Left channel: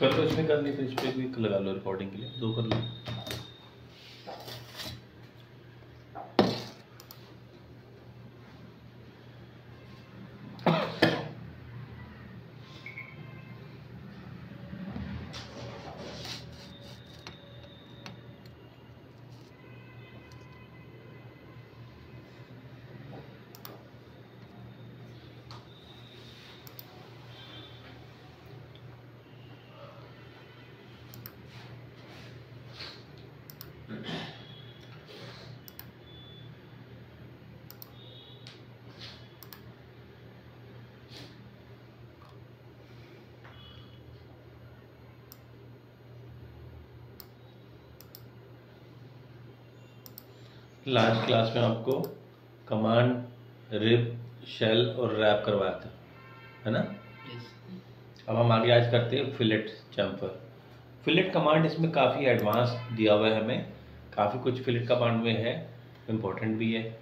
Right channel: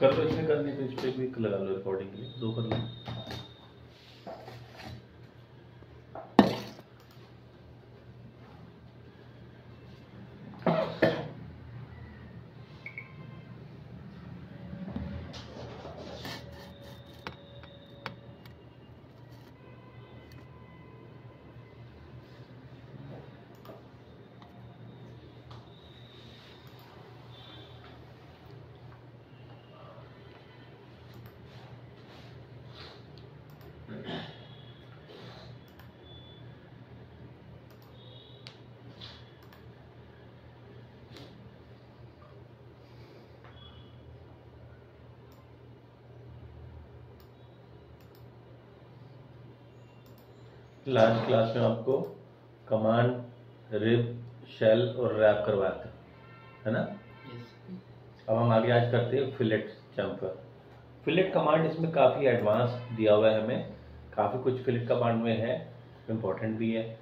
कर लो, इसमें करनी तो इस पर भी लगा लो, रिकॉर्डिंग के लिए 2 कर लो। लास्ट क्लास में आपको कमांड, रिप, शेल और रैप करवाते है ना। अब हम आगे आज करते हैं फिलेट जंपर। फिलेट कमांड इसमें काफ़ी एडवांस दिया हुआ है हमें, काफ़ी कुछ फिलेट कमांड में है, इम्पोर्टेंट भी है।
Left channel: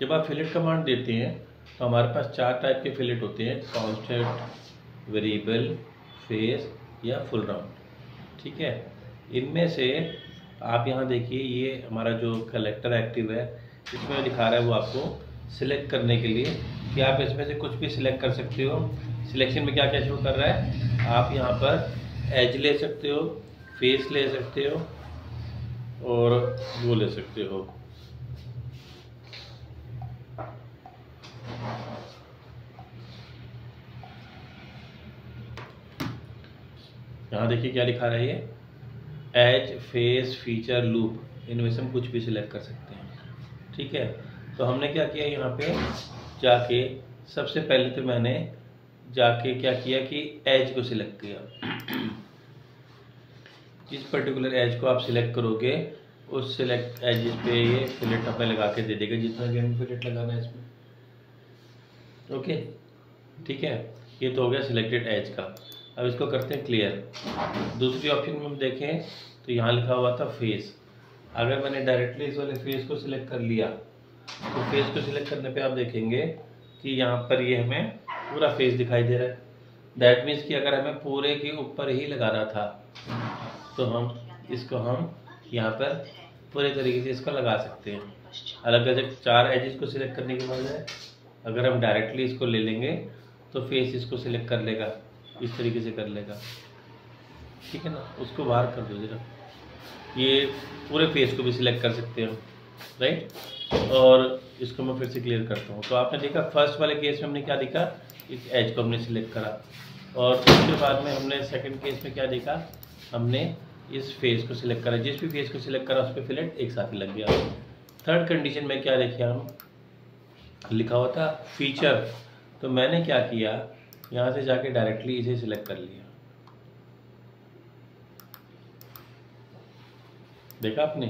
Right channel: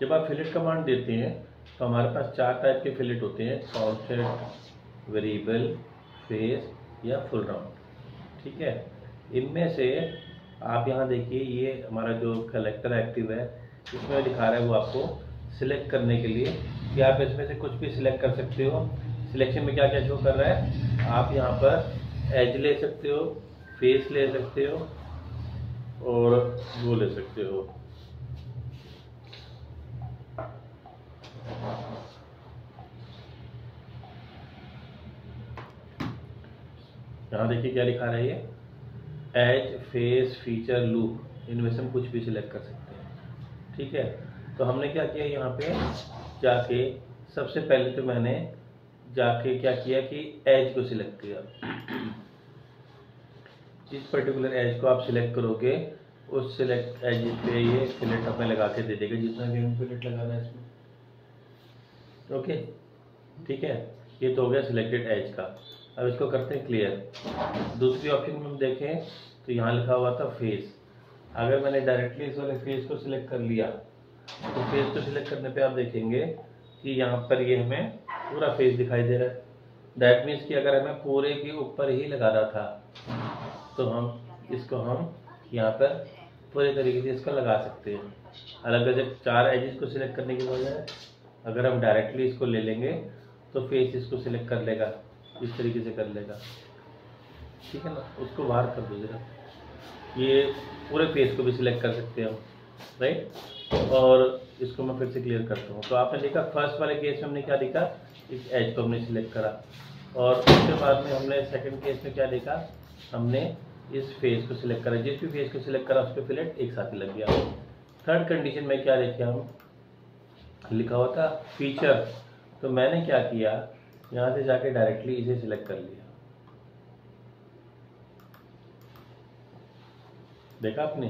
जब आप फिलेट कमांड देते हैं तो हमारे पास 4 टाइप के फिलेट होते हैं, कांस्टेंट, वेरिएबल, फेस या फुल राउंड। ठीक है, इनमें से आप यहाँ देखिए, ये हमारा जो कलेक्टर एक्टिव है, इसमें दिखा रहा है वो आपको सिलेक्ट करने के लिए कि आप इसमें से कुछ भी सिलेक्ट कर सकते हो। सिलेक्शन में क्या क्या शो कर रहा है, आप यहाँ पर एज ले सकते हो, फेस ले सकते हो और वो ले सकते हो, यहाँ देखिए क्या लिखा रहा है, ये एज, फेस, फीचर, लूप, इनमें से हम कुछ भी सिलेक्ट कर सकते हैं। ठीक है, तो हमने क्या किया, यहाँ पे जाके सबसे पहले तो मैंने जाके क्या किया कि एज को सिलेक्ट किया। जिस पर्टिकुलर एज को आप सिलेक्ट करोगे उस सिलेक्ट एज पे ये फिलेट हमें लगा के दे देगा, जितना भी हमें फिलेट लगाना है इसमें। ओके, ठीक है, ये तो हो गया सिलेक्टेड एज का। अब इसको करते हैं क्लियर। दूसरी ऑप्शन में हम देखें तो यहाँ लिखा हुआ था फेस। अगर मैंने डायरेक्टली इस वाले फेस को सिलेक्ट कर लिया तो फेस को सिलेक्ट करने पे आप देखेंगे कि यहाँ पर ये हमें पूरा फेस दिखाई दे रहा है। दैट मीन्स कि अगर हमें पूरे के ऊपर ही लगाना था तो हम इसको यहाँ पर पूरे तरीके से इसका लगा सकते हैं। अलग अलग 4 एजेस को सिलेक्ट करने की बजाय अगर हम डायरेक्टली इसको ले लेंगे तो फेस इसको सिलेक्ट कर लेगा, इस तरीके से कर लेगा। ठीक है ना, उसको बाहर कर दो जरा। ये पूरे फेस को भी सिलेक्ट कर सकते हैं हम, राइट। और इसको मैं फिर से क्लियर करता हूँ। तो आपने देखा फर्स्ट वाले केस में हमने क्या देखा, इस एज को हमने सिलेक्ट करा, और उसके बाद में हमने सेकंड केस में क्या देखा, हमने इस फेस को सिलेक्ट करा। जिस भी फेस को सिलेक्ट करा उस पर फिलेट एक साथ लग गया। थर्ड कंडीशन में क्या देखिए, हम लिखा हुआ था फीचर, तो मैंने क्या किया, यहाँ से जाके डायरेक्टली इसे सिलेक्ट कर लिया। देखा आपने,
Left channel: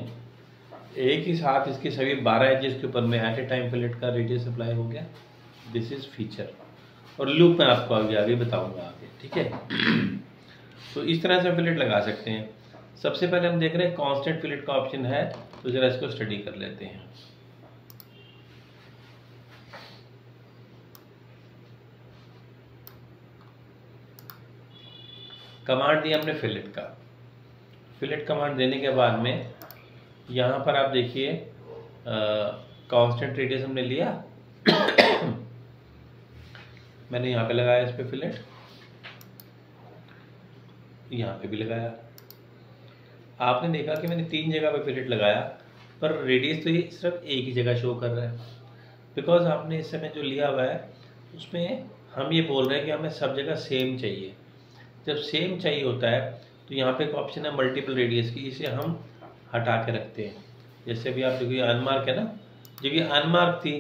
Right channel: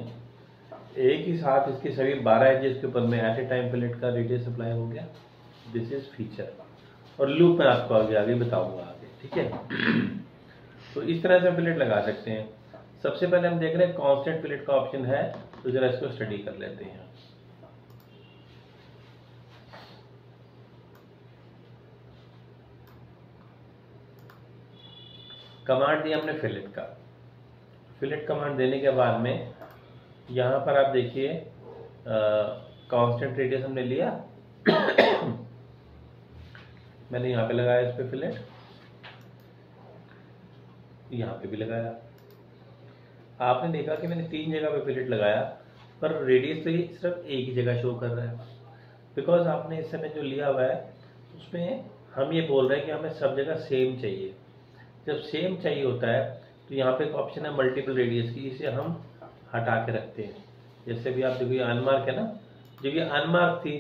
एक ही साथ इसके सभी 12 एजेस के ऊपर में एट ए टाइम फिलेट का रेडियस अप्लाई हो गया। This is feature. और लूप में आपको आगे बताऊंगा आगे। ठीक है, तो इस तरह से फिलेट लगा सकते हैं। सबसे पहले हम देख रहे हैं कांस्टेंट फिलेट का ऑप्शन है, तो जरा इसको स्टडी कर लेते हैं। कमांड दिया हमने फिलेट का। फिलेट कमांड देने के बाद में यहाँ पर आप देखिए कांस्टेंट रेडियस हमने लिया मैंने यहाँ पे लगाया इस पे फिलेट, यहाँ पे भी लगाया। आपने देखा कि मैंने 3 जगह पे फिलेट लगाया, पर रेडियस तो ये सिर्फ एक ही जगह शो कर रहा है, बिकॉज आपने इस समय जो लिया हुआ है उसमें हम ये बोल रहे हैं कि हमें सब जगह सेम चाहिए। जब सेम चाहिए होता है तो यहाँ पे एक ऑप्शन है मल्टीपल रेडियस की, इसे हम हटा के रखते हैं। जैसे भी आप देखो ये अनमार्क है ना, जब ये अनमार्क थी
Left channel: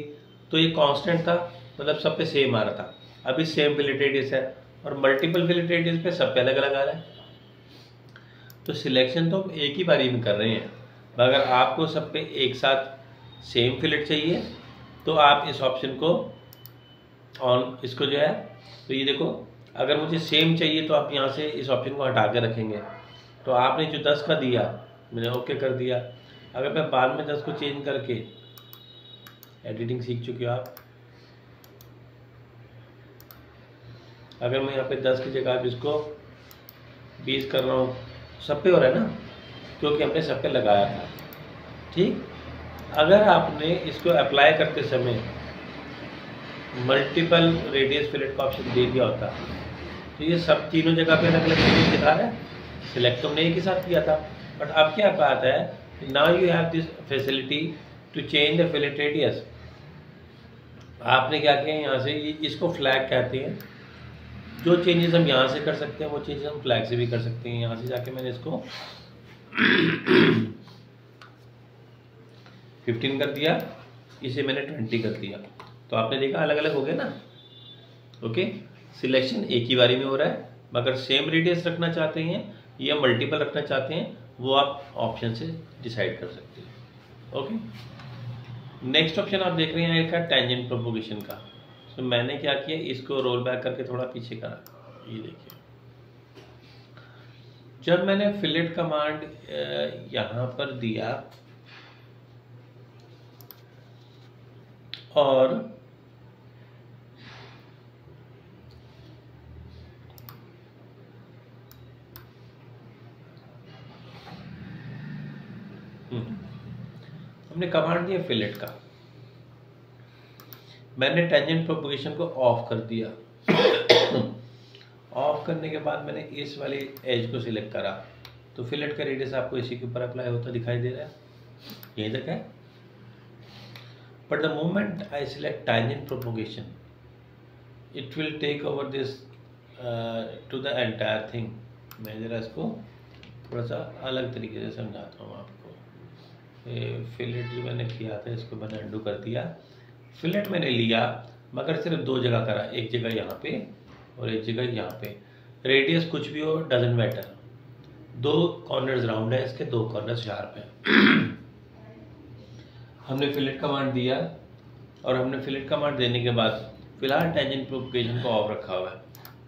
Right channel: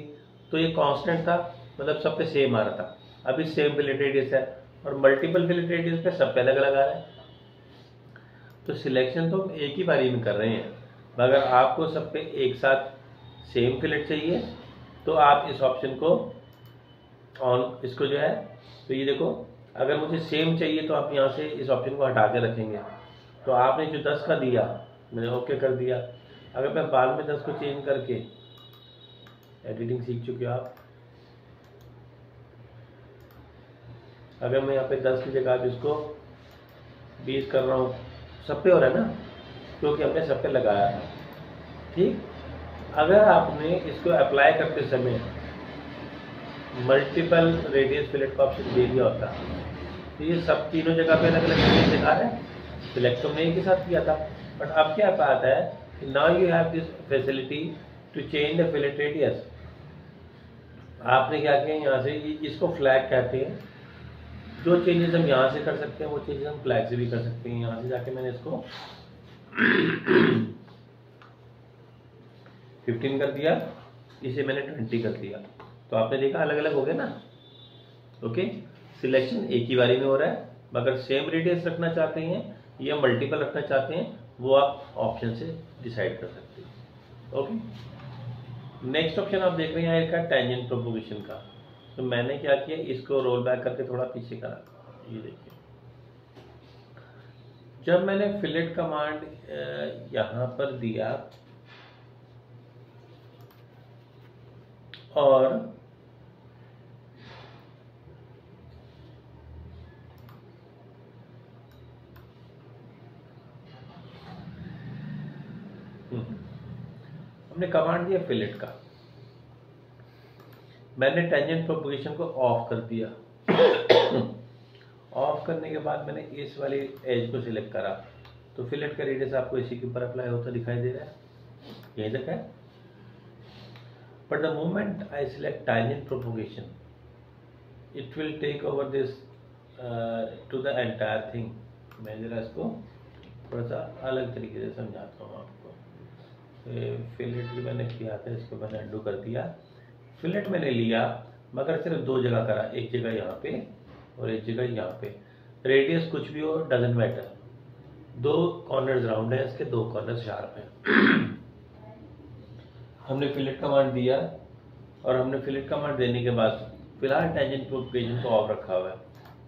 तो ये कांस्टेंट था, मतलब सब पे सेम आ रहा था। अभी सेम फिलेट रेडियस है और मल्टीपल फिलेट रेडियस पे सब पे अलग अलग आ रहा है। तो सिलेक्शन तो हम एक ही बारी में कर रहे हैं। अगर आपको सब पे एक साथ सेम फिलेट चाहिए तो आप इस ऑप्शन को ऑन, इसको जो है, तो ये देखो अगर मुझे सेम चाहिए तो आप यहाँ से इस ऑप्शन को हटा के रखेंगे। तो आपने जो 10 का दिया मैंने ओके कर दिया। अगर मैं बाद में 10 को चेंज करके, एडिटिंग सीख चुके हो आप, अगर मैं यहाँ पे 10 की जगह आप इसको 20 कर रहा हूँ, सब पे हो रहा है ना, क्योंकि हमने सब पे लगाया था। ठीक, अगर आपने इसको अप्लाई करते समय मल्टीपल रेडियस फिलेट का ऑप्शन दे दिया होता तो ये सब तीनों जगह पे अलग अलग रेडियस दिखा रहा है, सिलेक्ट तुमने एक ही साथ किया था। बट अब क्या बात है, now you have this facility to change the fillet radius. आपने क्या किया, यहाँ से इसको फ्लैग कहते हैं, जो चेंजेस हम यहाँ से कर सकते हैं वो चेंजेस हम फ्लैग से भी कर सकते हैं। यहाँ से जाके मैंने इसको 15 कर दिया, इसे मैंने 20 कर दिया, तो आपने देखा अलग अलग हो गए ना। ओके, सिलेक्शन एक ही बारी में हो रहा है, मगर सेम रेडियस रखना चाहते हैं या मल्टीपल रखना चाहते हैं वो आप ऑप्शन से डिसाइड कर सकते हैं। ओके, नेक्स्ट ऑप्शन आप देख रहे हैं एक है टेंजेंट प्रोपोगेशन का। तो मैंने क्या किया, इसको रोल बैक करके थोड़ा पीछे करा, ये देखिए जब मैंने फिलेट कमांड यहाँ पर दिया और हमने कमांड दिया फिलेट का, मैंने टेंजेंट प्रोपोगेशन को ऑफ कर दिया। ऑफ करने के बाद मैंने इस वाली एज को सिलेक्ट करा, तो फिलेट का रेडियस आपको इसी के ऊपर अप्लाई होता दिखाई दे रहा है, यही तक है। But the moment I select tangent propagation it will take over this to the entire thing. मैं जरा इसको थोड़ा सा अलग तरीके से समझाता हूँ आपको। फिलेट जो मैंने किया था इसको मैंने अंडू कर दिया। फिलेट मैंने लिया मगर सिर्फ दो जगह करा, एक जगह यहाँ पे और एक जगह यहाँ पे। रेडियस कुछ भी हो डजेंट मैटर, दो कॉर्नर्स राउंड है इसके, दो कॉर्नर्स शार्प है। हमने फिलेट कमांड दिया और हमने फिलेट कमांड देने के बाद फिलहाल टेंजेंट प्रोपोगेशन को ऑफ रखा हुआ है।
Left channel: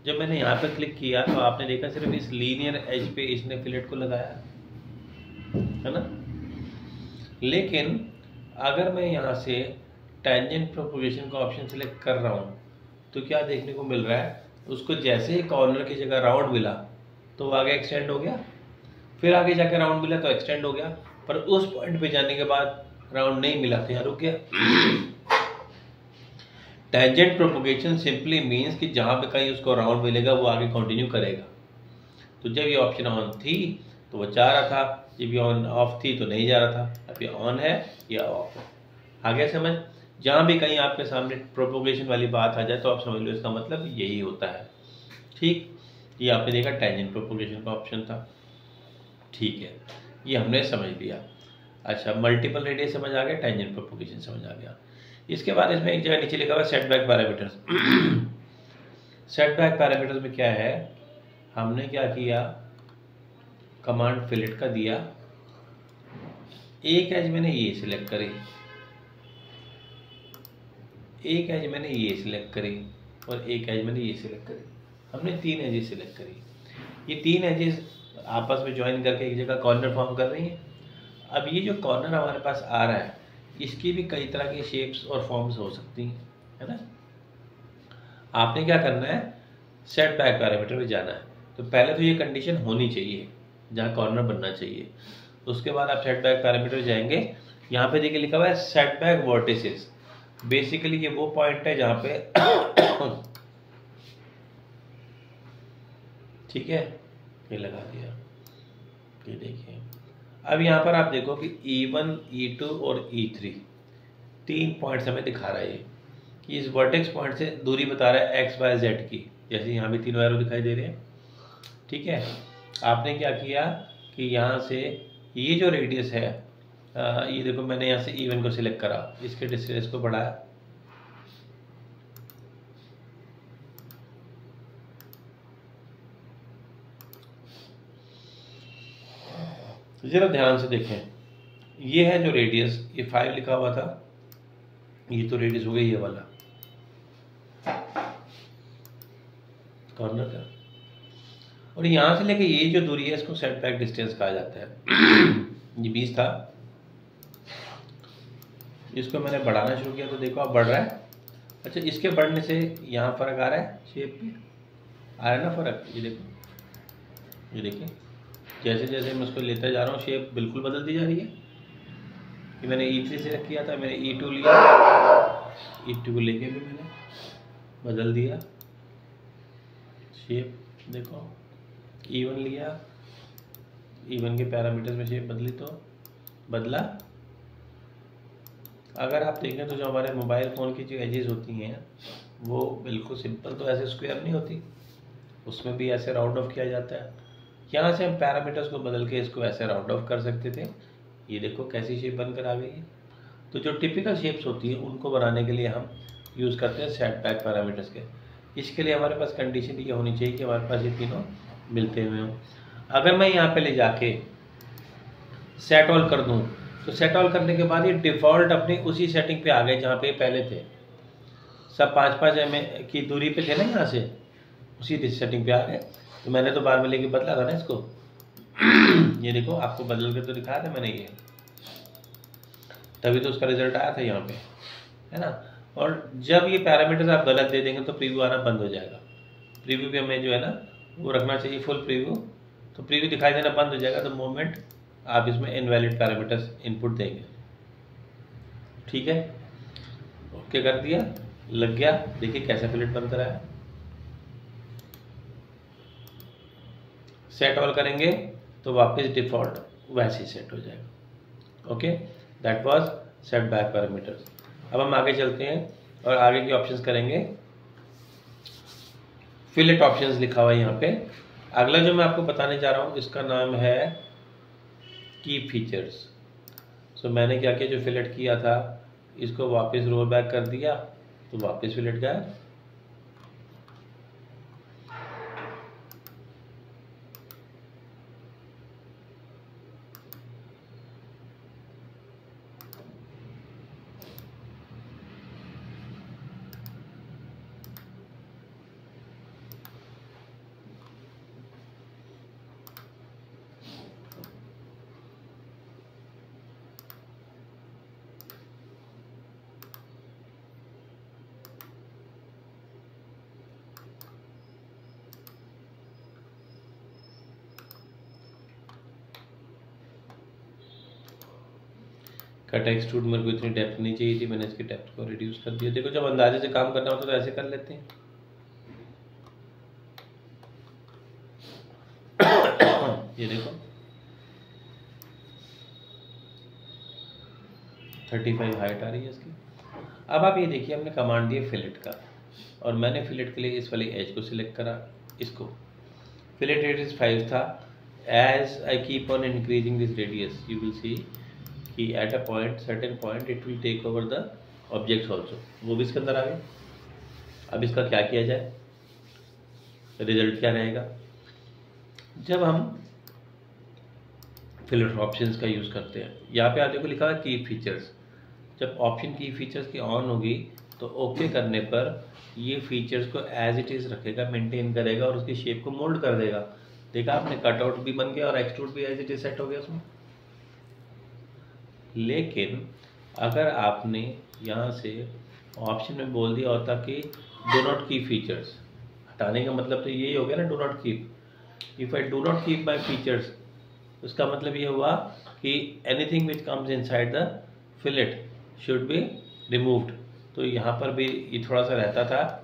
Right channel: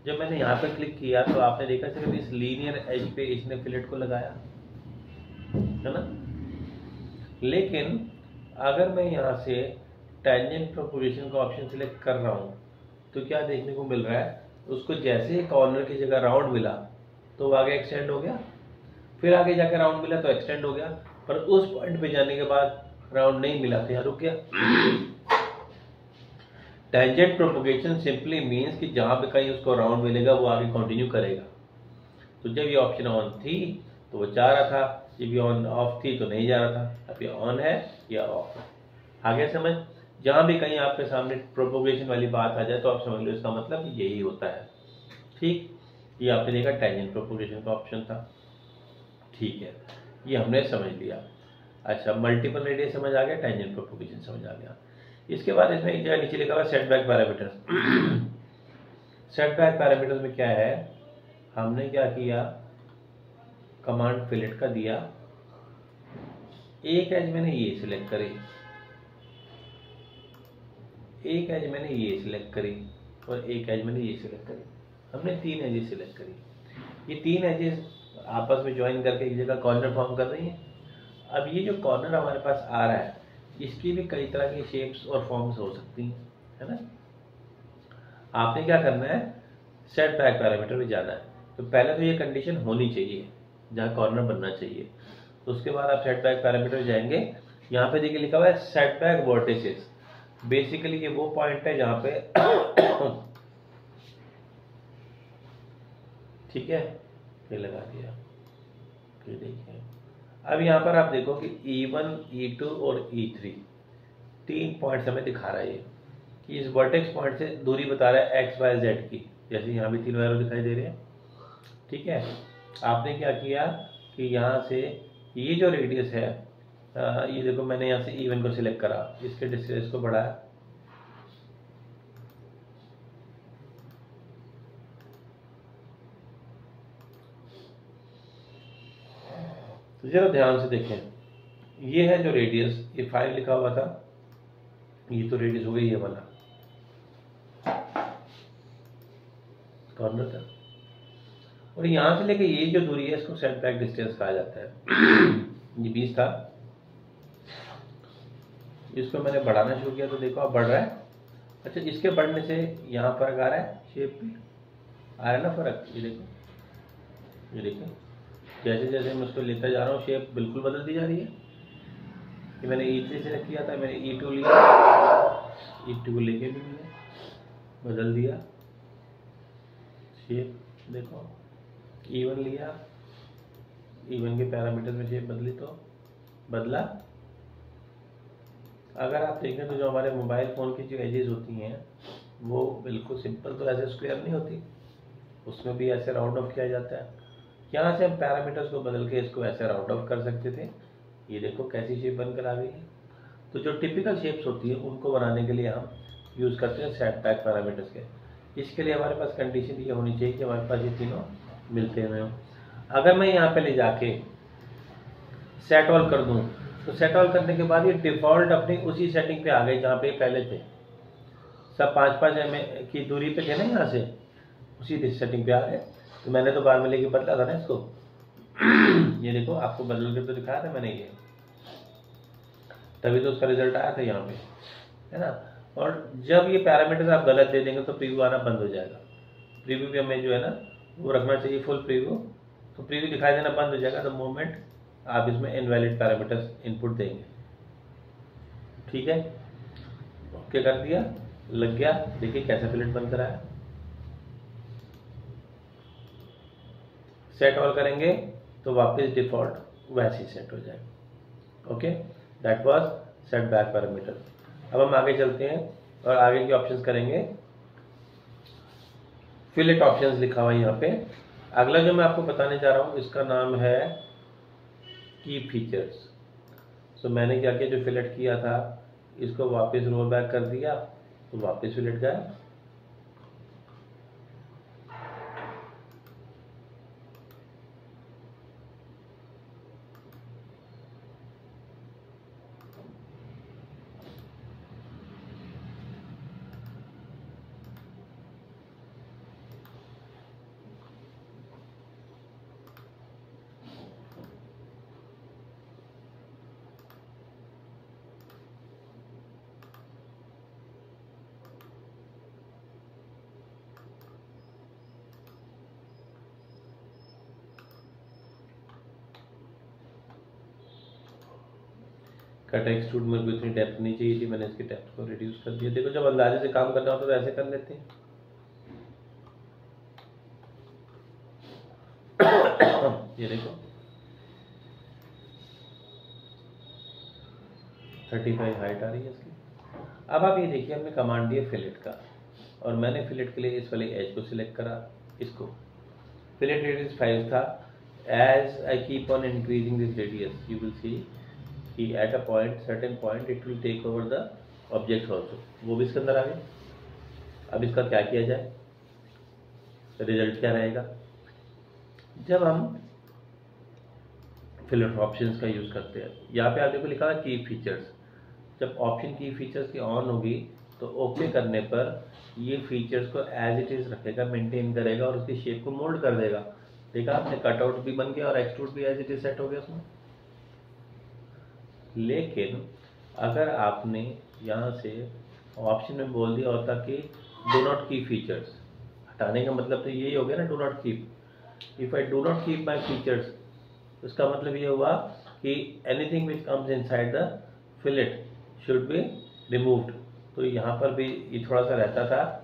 जब मैंने यहाँ पर क्लिक किया तो आपने देखा सिर्फ इस लीनियर एज पे इसने फिलेट को लगाया है ना। लेकिन अगर मैं यहाँ से टेंजेंट प्रोपोगेशन का ऑप्शन सिलेक्ट कर रहा हूँ तो क्या देखने को मिल रहा है, उसको जैसे ही कॉर्नर की जगह राउंड मिला तो वो आगे एक्सटेंड हो गया, फिर आगे जाकर राउंड मिला तो एक्सटेंड हो गया, पर उस पॉइंट पे जाने के बाद राउंड नहीं मिला तो यहाँ रुक गया। टेंजेंट प्रोपोगेशन सिंपली मीन्स कि जहाँ पे कहीं उसको राउंड मिलेगा वो आगे कंटिन्यू करेगा। तो जब ये ऑप्शन ऑन थी तो वो जा रहा था, जब ये ऑन ऑफ थी तो नहीं जा रहा था। अब ये ऑन है या ऑफ है, आगे समझ। जहाँ भी कहीं आपके सामने प्रोपोगेशन वाली बात आ जाए तो आप समझ लो इसका मतलब यही होता है। ठीक, ये आपने देखा टेंजेंट प्रोपोगेशन का ऑप्शन था। ठीक है, ये हमने समझ लिया। अच्छा, मल्टीपल रेडियस समझ आ गया, टेंजेंट प्रोपोगेशन समझ आ गया। इसके बाद इसमें एक जगह नीचे लिखा हुआ सेटबैक पैरामीटर्स। सेटबैक पैरामीटर्स में क्या है, हमने क्या किया, कमांड फिलेट का दिया, एक एज मैंने ये सिलेक्ट करी, एक एज मैंने ये सिलेक्ट करी और एक एज मैंने ये सिलेक्ट करी। हमने 3 एजेस सिलेक्ट करी। ये 3 एजेस आपस में ज्वाइन करके एक जगह कॉर्नर फॉर्म कर रही हैं। अब ये जो कॉर्नर हमारे पास आ रहा है इसकी भी कई तरह की शेप्स और फॉर्म्स हो सकती हैं, है ना। आपने क्या करना है, सेट बैक पैरामीटर में जाना है। तो पहले तो ये कंडीशन होनी चाहिए जहाँ कॉर्नर बनना चाहिए, उसके बाद आप सेट बैक पैरामीटर जाएंगे। यहाँ पे देखिए लिखा हुआ है सेट बैक वर्टिसेस। बेसिकली ये वो पॉइंट है जहाँ पे ठीक है, ये लगा दिया। ये देखिए अब यहाँ पर आप देखो कि E1, E2 और E3 3 पॉइंट्स हमें दिखा रहा है ये, कि इस वर्टेक्स पॉइंट से दूरी बता रहा है x, y, z की, जैसे यहाँ भी 3 एरो दिखाई दे रहे हैं। ठीक है, आपने क्या किया कि यहाँ से ये जो रेडियस है, ये देखो मैंने यहाँ से E1 को सिलेक्ट करा, इसके डिस्टेंस को बढ़ाया, जरा ध्यान से देखें। ये है जो रेडियस, ये 5 लिखा हुआ था, ये तो रेडियस हो गई ये वाला कॉर्नर का, और यहाँ से लेके ये जो दूरी है इसको सेट बैक डिस्टेंस कहा जाता है। ये 20 था, इसको मैंने बढ़ाना शुरू किया तो देखो अब बढ़ रहा है। अच्छा, इसके बढ़ने से यहाँ फर्क आ रहा है, शेप में आ रहा है ना फर्क, ये देखो ये देखिए जैसे जैसे मैं उसको लेता जा रहा हूँ शेप बिल्कुल बदलती जा रही है। कि मैंने E3 सेलेक्ट किया था, मैंने E2 लिया, E2 लेके भी मैंने बदल दिया शेप। देखो E1 लिया, E1 के पैरामीटर्स में शेप बदली तो बदला। अगर आप देखें तो जो हमारे मोबाइल फ़ोन की जो एजेस होती हैं वो बिल्कुल सिंपल तो ऐसे स्क्वायर नहीं होती, उसमें भी ऐसे राउंड ऑफ किया जाता है। यहाँ से हम पैरामीटर्स को बदल के इसको ऐसे राउंड ऑफ कर सकते थे। ये देखो कैसी शेप बनकर आ गई है। तो जो टिपिकल शेप्स होती है उनको बनाने के लिए हम यूज़ करते हैं सेट बैक पैरामीटर्स के। इसके लिए हमारे पास कंडीशन ये होनी चाहिए कि हमारे पास ये तीनों मिलते हुए हों। अगर मैं यहाँ पे ले जाके सेट ऑल कर दूँ तो सेट ऑल करने के बाद ये डिफ़ॉल्ट अपनी उसी सेटिंग पे आ गए जहाँ पे पहले थे। सब 5-5 mm की दूरी पे थे ना, यहाँ से उसी सेटिंग पे आ गए। तो मैंने तो बार में लेके बदला था ना इसको। ये देखो आपको बदल के तो दिखाया था मैंने, ये तभी तो उसका रिजल्ट आया था यहाँ पे, है ना। और जब ये पैरामीटर्स आप गलत दे देंगे तो प्रीव्यू आना बंद हो जाएगा। प्रीव्यू पे हमें जो है ना वो रखना चाहिए फुल प्रीव्यू, तो प्रीव्यू दिखाई देना बंद हो जाएगा द मोमेंट आप इसमें इनवैलिड पैरामीटर्स इनपुट देंगे। ठीक है, ओके कर दिया, लग गया। देखिए कैसा फिलेट बनकर आया। सेट ऑल करेंगे तो वापस डिफॉल्ट वैसे ही सेट हो जाएगा। Okay, that was set back parameters. अब हम आगे चलते हैं और आगे के ऑप्शंस करेंगे। फिलेट ऑप्शंस लिखा हुआ है यहाँ पे। अगला जो मैं आपको बताने जा रहा हूँ इसका नाम है की फीचर्स। सो मैंने क्या किया, जो फिलेट किया था इसको वापस रोल बैक कर दिया तो वापस फिलेट गया। कट एक्सट्रूड मेरे को इतनी डेप्थ नहीं चाहिए थी, मैंने इसकी डेप्थ को रिड्यूस कर दिया। देखो जब अंदाजे से काम करना होता है तो ऐसे कर लेते हैं। ये देखो 35 हाइट आ रही है इसकी। अब आप ये देखिए हमने कमांड दिया फिलेट का, और मैंने फिलेट के लिए इस वाली एज को सिलेक्ट करा। इसको फिलेट रेडियस 5 था। As I keep on increasing this radius you will see कि at a point certain point it will take over the objects also. वो भी इसके अंदर आ गए। अब इसका क्या किया जाए, रिजल्ट क्या रहेगा। जब हम फिलेट ऑप्शंस का यूज़ करते हैं, यहाँ पे आप देखो लिखा है की फीचर्स। जब ऑप्शन की फीचर्स की ऑन होगी तो ओके करने पर ये फीचर्स को एज इट इज़ रखेगा, मेंटेन करेगा और उसकी शेप को मोल्ड कर देगा। देखा आपने, कटआउट भी बन गया और एक्सट्रूड भी एज इट इज सेट हो गया उसमें। लेकिन अगर आपने यहाँ से ऑप्शन में बोल दिया होता कि डू नॉट कीप फीचर्स, हटाने का मतलब तो यही हो गया ना, do not keep. If I do not keep my features, उसका मतलब ये हुआ कि anything which comes inside the fillet should be removed. तो यहाँ पर भी ये थोड़ा सा रहता था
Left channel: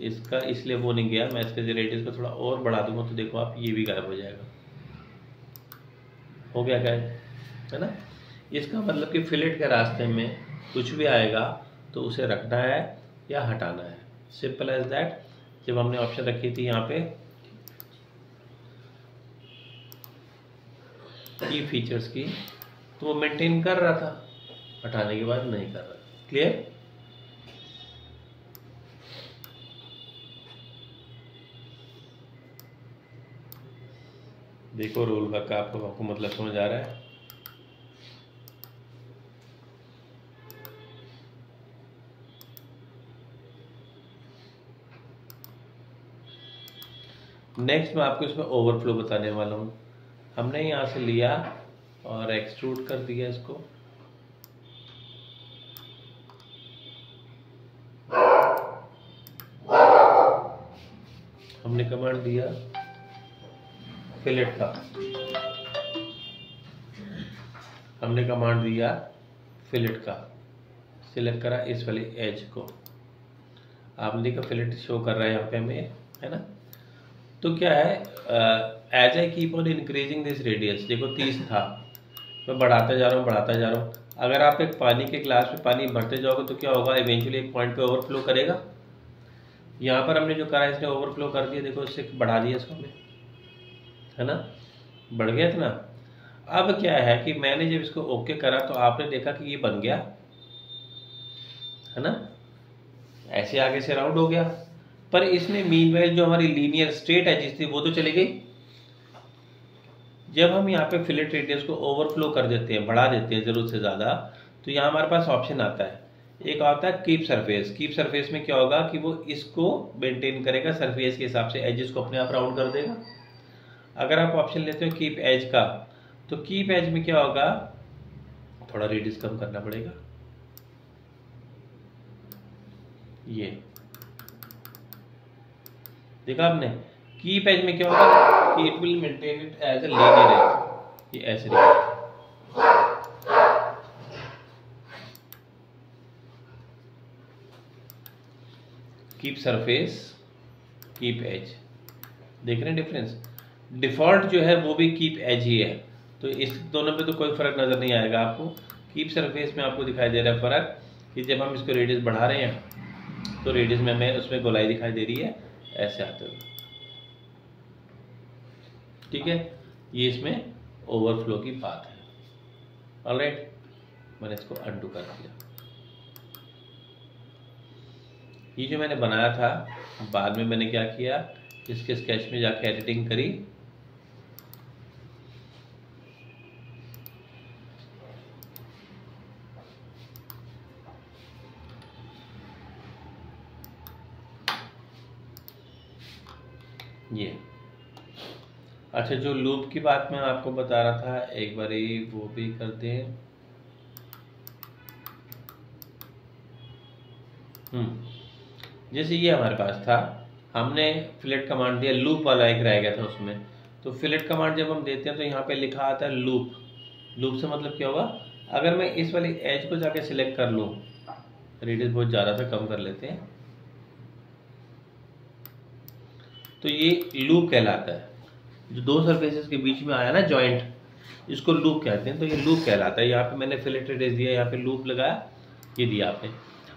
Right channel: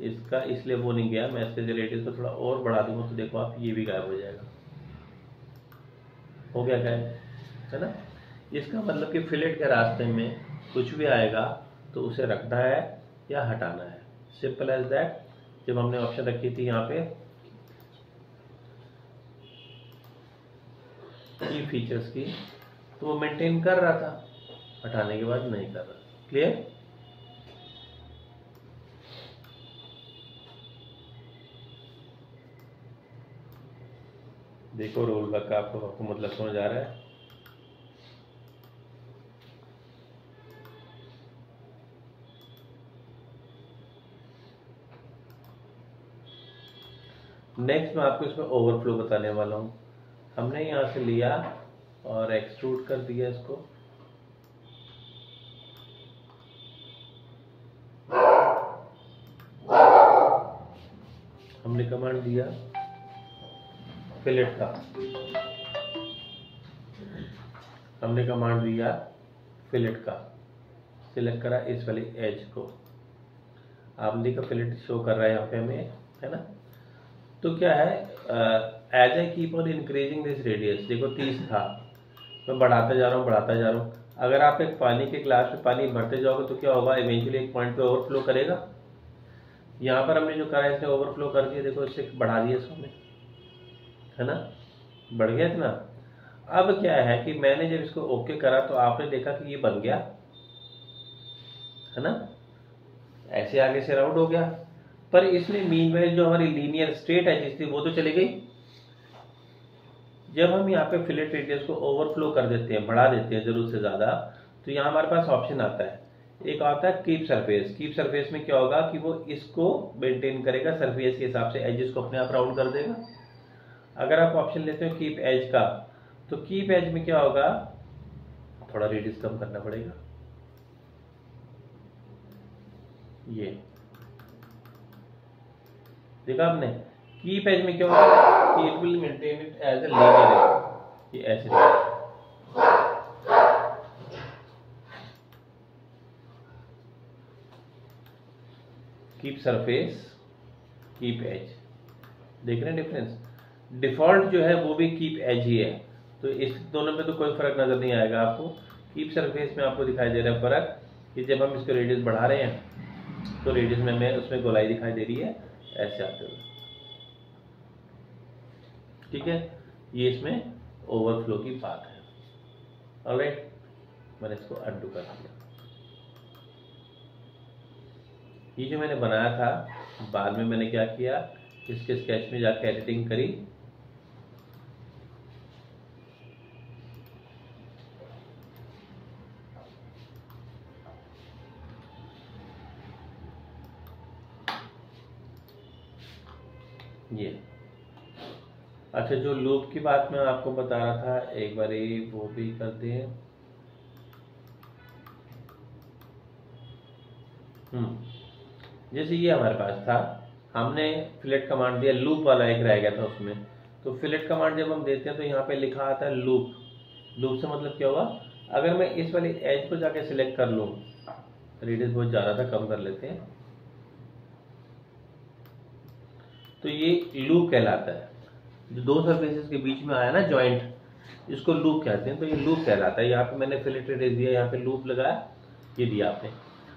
इसका, इसलिए वो नहीं गया। मैं इसके रेडियस को थोड़ा और बढ़ा दूंगा तो देखो आप ये भी गायब हो जाएगा। हो गया गायब, है ना। इसका मतलब कि फिलेट के रास्ते में कुछ भी आएगा तो उसे रखना है या हटाना है, सिंपल एज दैट। जब हमने ऑप्शन रखी थी यहाँ पे की फीचर्स की, तो वो मेंटेन कर रहा था, हटाने के बाद नहीं कर रहा। क्लियर। देखो रोल बैक का आपको मतलब समझ आ रहा है। नेक्स्ट मैं आपको इसमें ओवरफ्लो बताने वाला हूँ। हमने यहाँ से लिया और एक्सट्रूड कर दिया इसको। हमने कमांड दिया फिलेट का, हमने कमांड दिया फिलेट का, सिलेक्ट करा इस वाली एज को, आपने देखा फिलेट शो कर रहा है यहाँ पे हमें, है ना। तो क्या है, as I keep on increasing this radius, देखो 30 था, मैं बढ़ाता जा रहा हूँ बढ़ाता जा रहा हूँ। अगर आप एक पानी के ग्लास में पानी भरते जाओगे तो क्या होगा, इवेंचुअली एक पॉइंट पे ओवरफ्लो करेगा। यहाँ पर हमने जो करा है इसने ओवरफ्लो कर दिया, देखो इससे बढ़ा दिया इसको हमने, है ना, बढ़ गया इतना। अब क्या है कि मैंने जब इसको ओके करा तो आपने देखा कि ये बन गया, है ना, ऐसे आगे से राउंड हो गया। पर इसमें मीनवाइल जो हमारी लीनियर स्ट्रेट एजेस थी वो तो चली गई। जब हम यहाँ पे फिलेट रेडियस को ओवरफ्लो कर देते हैं, बढ़ा देते हैं जरूरत से ज़्यादा, तो यहाँ हमारे पास ऑप्शन आता है, एक आता है कीप सरफेस। कीप सरफेस में क्या होगा कि वो इसको मेंटेन करेगा सरफेस के हिसाब से, एजेस को अपने आप राउंड कर देगा। अगर आप ऑप्शन लेते हो कीप एज का, तो कीप एज में क्या होगा, थोड़ा रेडियस कम करना पड़ेगा, ये देखा आपने। कीप एज में क्या होगा कि it will maintain it as a linear as, ये ऐसे रहेगा। कीप सरफेस, कीप एज, देख रहे हैं डिफरेंस। डिफॉल्ट जो है वो भी कीप एज ही है, तो इस दोनों में तो कोई फर्क नजर नहीं आएगा आपको। कीप सरफेस में आपको दिखाई दे रहा है फर्क कि जब हम इसको रेडियस बढ़ा रहे हैं तो रेडियस में हमें उसमें गोलाई दिखाई दे रही है ऐसे आते हुए, ठीक है। ये इसमें ओवरफ्लो की बात है। ऑलराइट, मैंने इसको अनडू कर दिया। ये जो मैंने बनाया था, बाद में मैंने क्या किया, इसके स्केच में जाके एडिटिंग करी, ये। अच्छा, जो लूप की बात मैं आपको बता रहा था, एक बार वो भी कर दें। जैसे ये हमारे पास था, हमने फिलेट कमांड दिया, लूप वाला एक रह गया था उसमें। तो फिलेट कमांड जब हम देते हैं तो यहाँ पे लिखा आता है लूप। लूप से मतलब क्या होगा, अगर मैं इस वाली एज को जाके सिलेक्ट कर लूँ, रेडियस बहुत ज़्यादा था, कम कर लेते हैं, तो ये लूप कहलाता है। जो दो सरफेसेस के बीच में आया ना जॉइंट, इसको लूप कहते हैं। तो ये लूप कहलाता है। यहाँ पे मैंने फिलेट रेडियस दिया, यहाँ पे लूप लगाया, ये दिया आपने।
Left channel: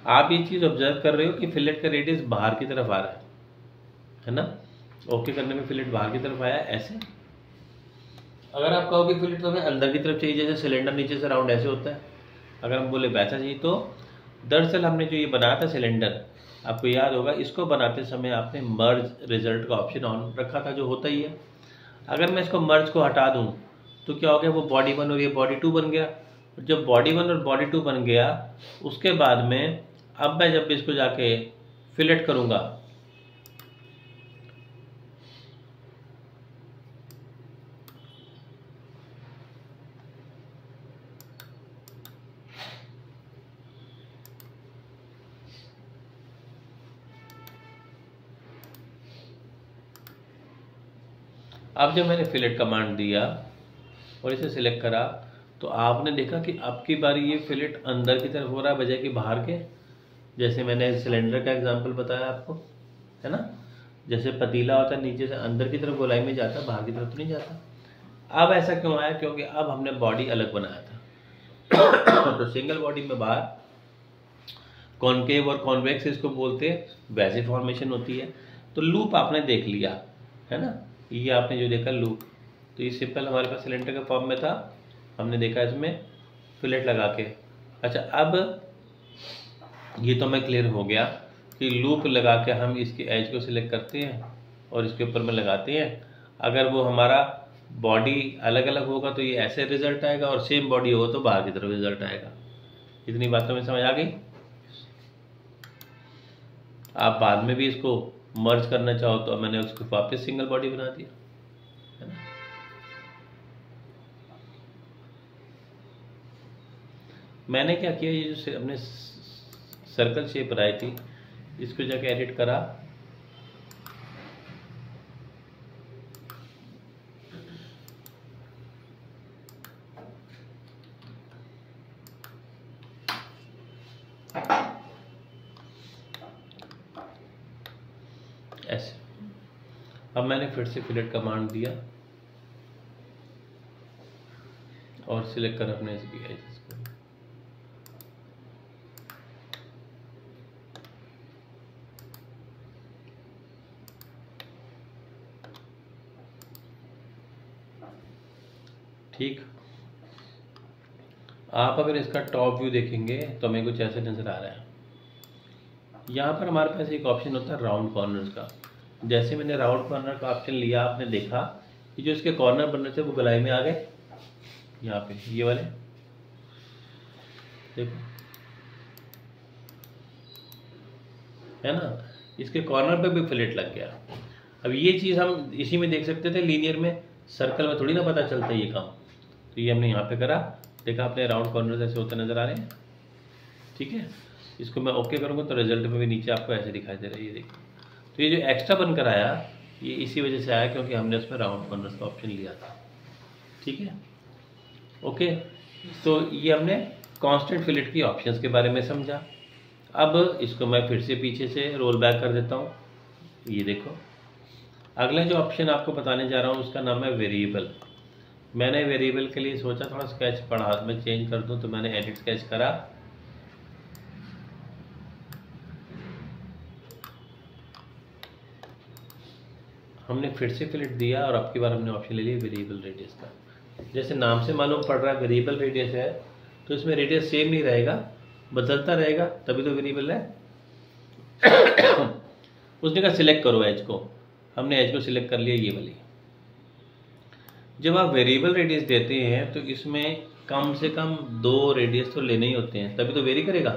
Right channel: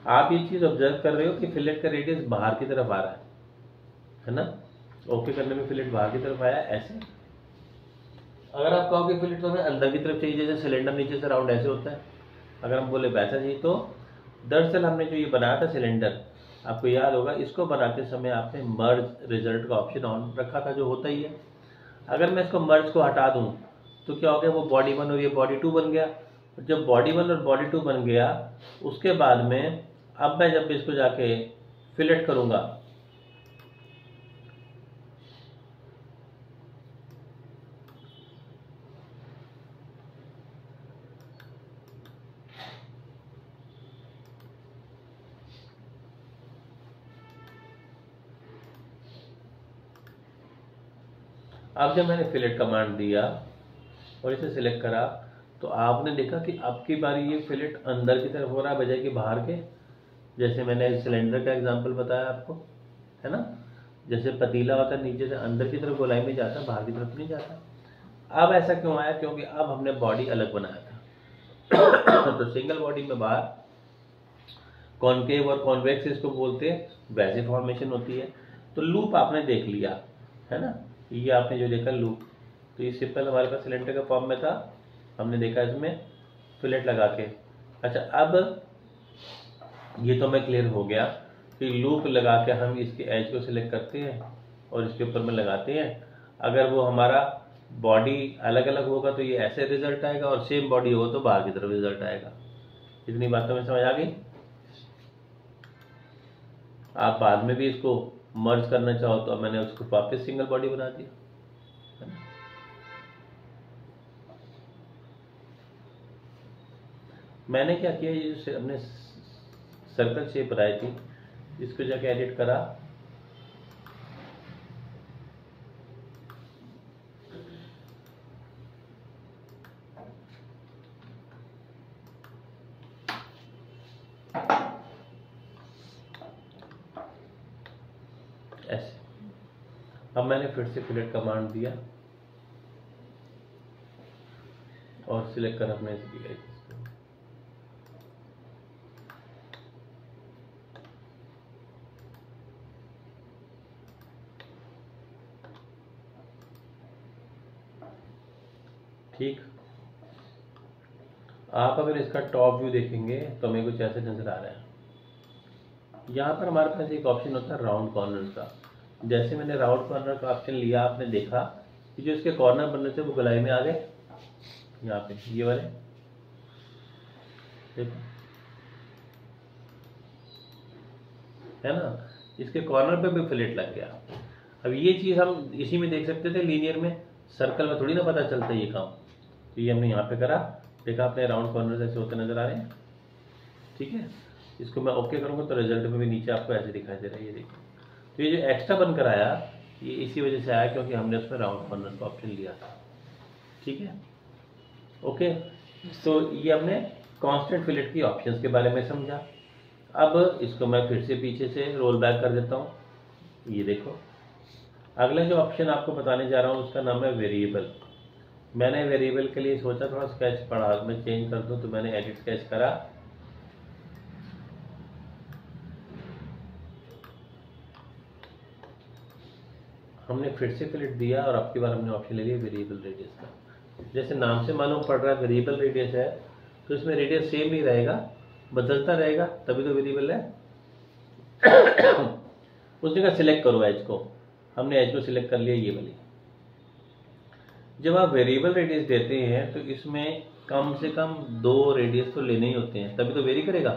आप ये चीज़ ऑब्जर्व कर रहे हो कि फिलेट का रेडियस बाहर की तरफ आ रहा है ना। ओके करने में फिलेट बाहर की तरफ आया ऐसे। अगर आप कहोगे फिलेट तो हमें अंदर की तरफ चाहिए, जैसे सिलेंडर नीचे से राउंड ऐसे होता है, अगर हम बोले वैसा चाहिए, तो दरअसल हमने जो ये बनाया था सिलेंडर, आपको याद होगा, इसको बनाते समय आपने मर्ज रिजल्ट का ऑप्शन ऑन रखा था, जो होता ही है। अगर मैं इसको मर्ज को हटा दूं तो क्या हो गया, वो बॉडी 1 और ये बॉडी 2 बन गया। जब बॉडी 1 और बॉडी 2 बन गया, उसके बाद में अब मैं जब इसको जाके फिलेट करूंगा, अब जब मैंने फिलेट कमांड दिया और इसे सिलेक्ट करा, तो आपने देखा कि अब की बारी ये फिलेट अंदर की तरफ हो रहा है बजाय कि बाहर के। जैसे मैंने सिलेंडर का एग्जांपल बताया आपको, है ना, जैसे पतीला होता है नीचे से अंदर की तरफ गोलाई में जाता है, बाहर की तरफ तो नहीं जाता। अब ऐसा क्यों आया, क्योंकि अब हमने बॉडी अलग बनाया था। तो सिंगल बॉडी में बाहर कॉनकेव और कॉन्वेक्स इसको बोलते हैं, वैसे फॉर्मेशन होती है। तो लूप आपने देख लिया, है ना, ये आपने जो देखा लूप, तो ये सिंपल हमारे पास सिलेंडर के फॉर्म में था, हमने देखा इसमें फिलेट लगा के। अच्छा, अब ये तो हमें क्लियर हो गया कि लूप लगा के हम इसके एज को सिलेक्ट करते हैं और इसके ऊपर में लगाते हैं। अगर वो हमारा बॉडी अलग अलग होगा तो ये ऐसे रिजल्ट आएगा, और सेम बॉडी होगा तो बाहर की तरफ रिजल्ट आएगा। इतनी बातों में समझ आ गई। आप बाद में भी इसको मर्ज करना चाहो तो मैंने उसको वापस सिंगल बॉडी बना दिया, है ना। मैंने क्या किया, ये जो हमने सर्कल शेप बनाई थी, इसको जाके एडिट करा, ऐसे। अब मैंने फिर से फिलेट कमांड दिया और सिलेक्ट कर अपने इसकी एजेस को। ठीक, आप अगर इसका टॉप व्यू देखेंगे तो हमें कुछ ऐसे नजर आ रहा है। यहाँ पर हमारे पास एक ऑप्शन होता है राउंड कॉर्नर्स का। जैसे मैंने राउंड कॉर्नर का ऑप्शन लिया, आपने देखा कि जो इसके कॉर्नर बनने थे वो गोलाई में आ गए। यहाँ पे ये वाले देखो, है ना, इसके कॉर्नर पे भी फिलेट लग गया। अब ये चीज़ हम इसी में देख सकते थे, लीनियर में, सर्कल में थोड़ी ना पता चलता ये काम। तो ये हमने यहाँ पे करा, देखा अपने राउंड कॉर्नर ऐसे होते नजर आ रहे हैं। ठीक है, इसको मैं ओके करूँगा तो रिजल्ट में भी नीचे आपको ऐसे दिखाई दे रहा है, ये देखो। तो ये जो एक्स्ट्रा बनकर आया ये इसी वजह से आया क्योंकि हमने उसमें राउंड कॉर्नर का ऑप्शन लिया था। ठीक है, ओके। तो ये हमने कांस्टेंट फिलेट की ऑप्शंस के बारे में समझा। अब इसको मैं फिर से पीछे से रोल बैक कर देता हूँ। ये देखो, अगला जो ऑप्शन आपको बताने जा रहा हूँ उसका नाम है वेरिएबल। मैंने वेरिएबल के लिए सोचा थोड़ा स्केच पढ़ा मैं चेंज कर दूँ, तो मैंने एडिट स्केच करा। हमने फिर से फिलेट दिया और अब की बार हमने ऑप्शन ले लिया वेरिएबल रेडियस का। जैसे नाम से मालूम पड़ रहा है वेरिएबल रेडियस है, तो इसमें रेडियस सेम नहीं रहेगा, बदलता रहेगा, तभी तो वेरिएबल है। उसने कहा सिलेक्ट करो एज को, हमने एज को सिलेक्ट कर लिया, ये वाली। जब आप वेरिएबल रेडियस देते हैं तो इसमें कम से कम 2 रेडियस तो लेने ही होते हैं, तभी तो वेरी करेगा।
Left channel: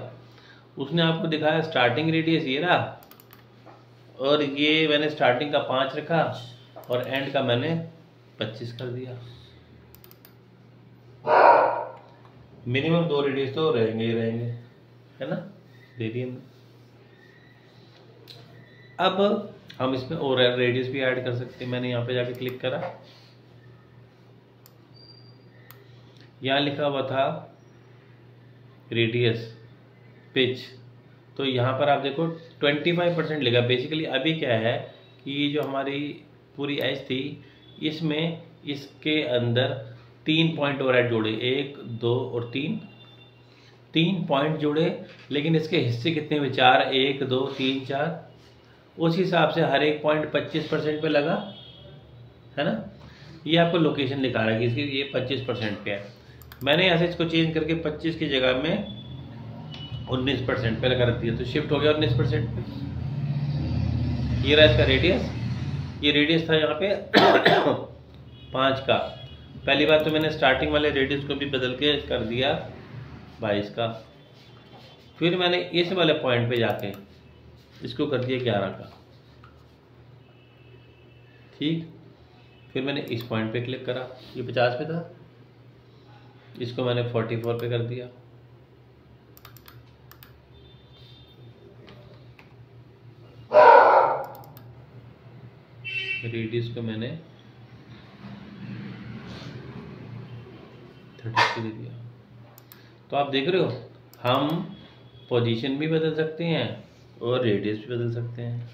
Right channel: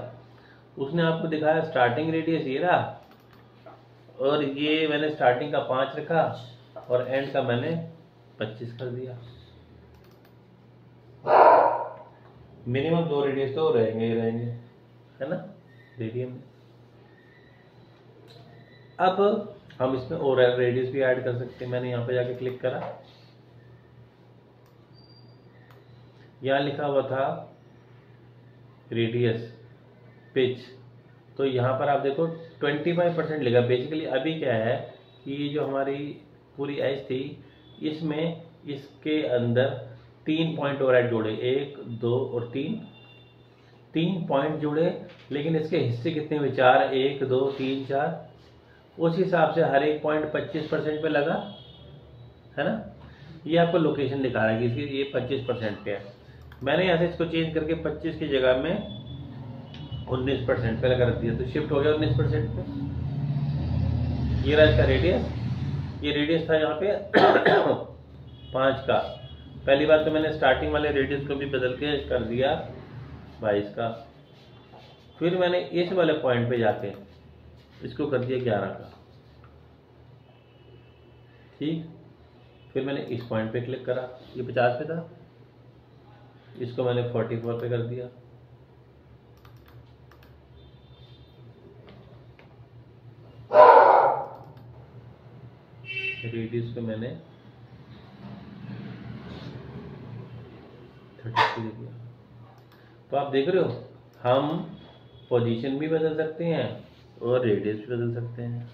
उसने आपको दिखाया स्टार्टिंग रेडियस ये रहा, और ये मैंने स्टार्टिंग का 5 रखा और एंड का मैंने 25 कर दिया। मिनिमम 2 रेडियस तो रहेंगे ही रहेंगे, है ना, रेडियम में। अब हम इसमें और रेडियस भी ऐड कर सकते हैं। मैंने यहाँ पे जाके क्लिक करा, यहाँ लिखा हुआ था रेडियस पिच, तो यहाँ पर आप देखो 25% लिखा। बेसिकली अभी क्या है कि ये जो हमारी पूरी एज थी इसमें इसके अंदर 3 पॉइंट और ऐड जोड़े, 1 2 और 3 पॉइंट जोड़े, लेकिन इसके हिस्से कितने हुए, 4, 1 2 3 4। उस हिसाब से हर एक पॉइंट 25% पे लगा, है ना। ये आपको लोकेशन दिखा रहा है कि इसकी ये 25% पे है। मैंने यहाँ से इसको चेंज करके 25 की जगह में 19% पे लगा रख दिया, तो शिफ्ट हो गया 19% पे। ये रहा इसका रेडियस, ये रेडियस था यहाँ पे 5 का। पहली बार तो मैंने स्टार्टिंग वाले रेडियस को भी बदल के कर दिया 22 का। फिर मैंने इस वाले पॉइंट पे जाके इसको कर दिया 11 का। ठीक, फिर मैंने इस पॉइंट पे क्लिक करा, ये 50 पे था, इसको मैंने 44 पे कर दिया। रेडियस को मैंने 30 दे दिया। तो आप देख रहे हो हम पोजीशन भी बदल सकते हैं और रेडियस भी बदल सकते हैं।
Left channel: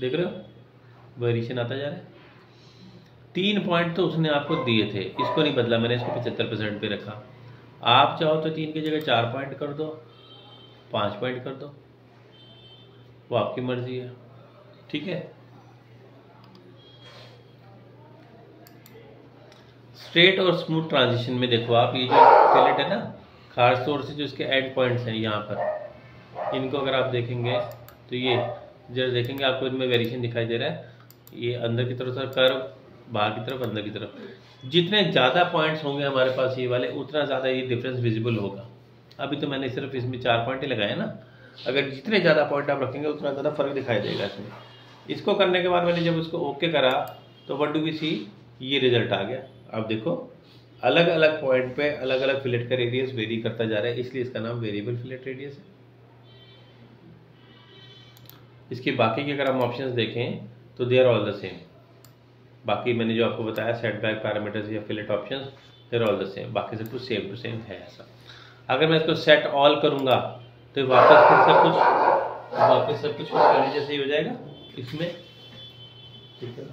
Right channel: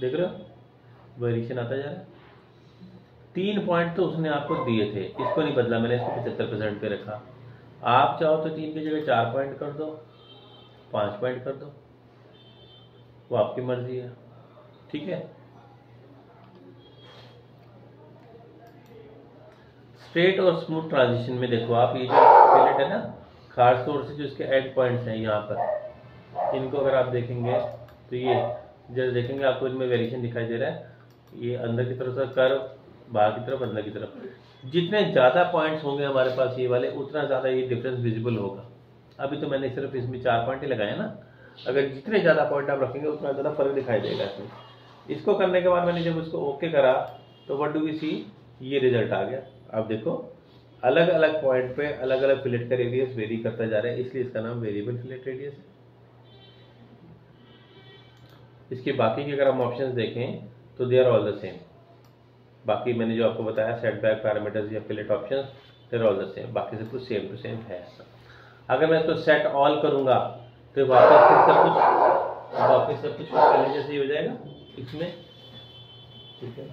देख रहे हो वेरिएशन आता जा रहा है। 3 पॉइंट तो उसने आपको दिए थे, इसको नहीं बदला मैंने, इसको 75% पे रखा। आप चाहो तो 3 की जगह 4 पॉइंट कर दो, 5 पॉइंट कर दो, वो आपकी मर्जी है। ठीक है, स्ट्रेट और स्मूथ ट्रांजिशन में देखो आप, ये जो फिलेट है ना, खास तौर से जो इसके एंड पॉइंट्स हैं यहाँ पर, इनको अगर आप देखेंगे तो ये जब देखेंगे आपको इनमें वेरिएशन दिखाई दे रहा है। ये अंदर की तरफ से कर्व, बाहर की तरफ, अंदर की तरफ। जितने ज़्यादा पॉइंट्स होंगे हमारे पास ये वाले, उतना ज़्यादा ये डिफरेंस विजिबल होगा। अभी तो मैंने सिर्फ इसमें 4 पॉइंट ही लगाए ना, अगर जितने ज़्यादा पॉइंट आप रखेंगे उतना ज़्यादा फर्क दिखाई देगा इसमें। इसको करने के बाद मैंने जब उसको ओके करा तो व्हाट डू वी सी, ये रिजल्ट आ गया। आप देखो अलग अलग पॉइंट पे अलग अलग फिलेट का रेडियस वेरी करता जा रहा है, इसलिए इसका नाम वेरिएबल फिलेट रेडियस है। इसकी बाकी के अगर हम ऑप्शंस देखें तो they are all the same. बाकी मैंने जो आपको बताया सेटबैक पैरामीटर्स या fillet options, they are all the same, बाकी सब कुछ सेम टू सेम है ऐसा। अगर मैं इसको सेट ऑल करूंगा तो वापस फिर सब कुछ वापस सब कुछ पहले जैसे ही हो जाएगा इसमें, ठीक है।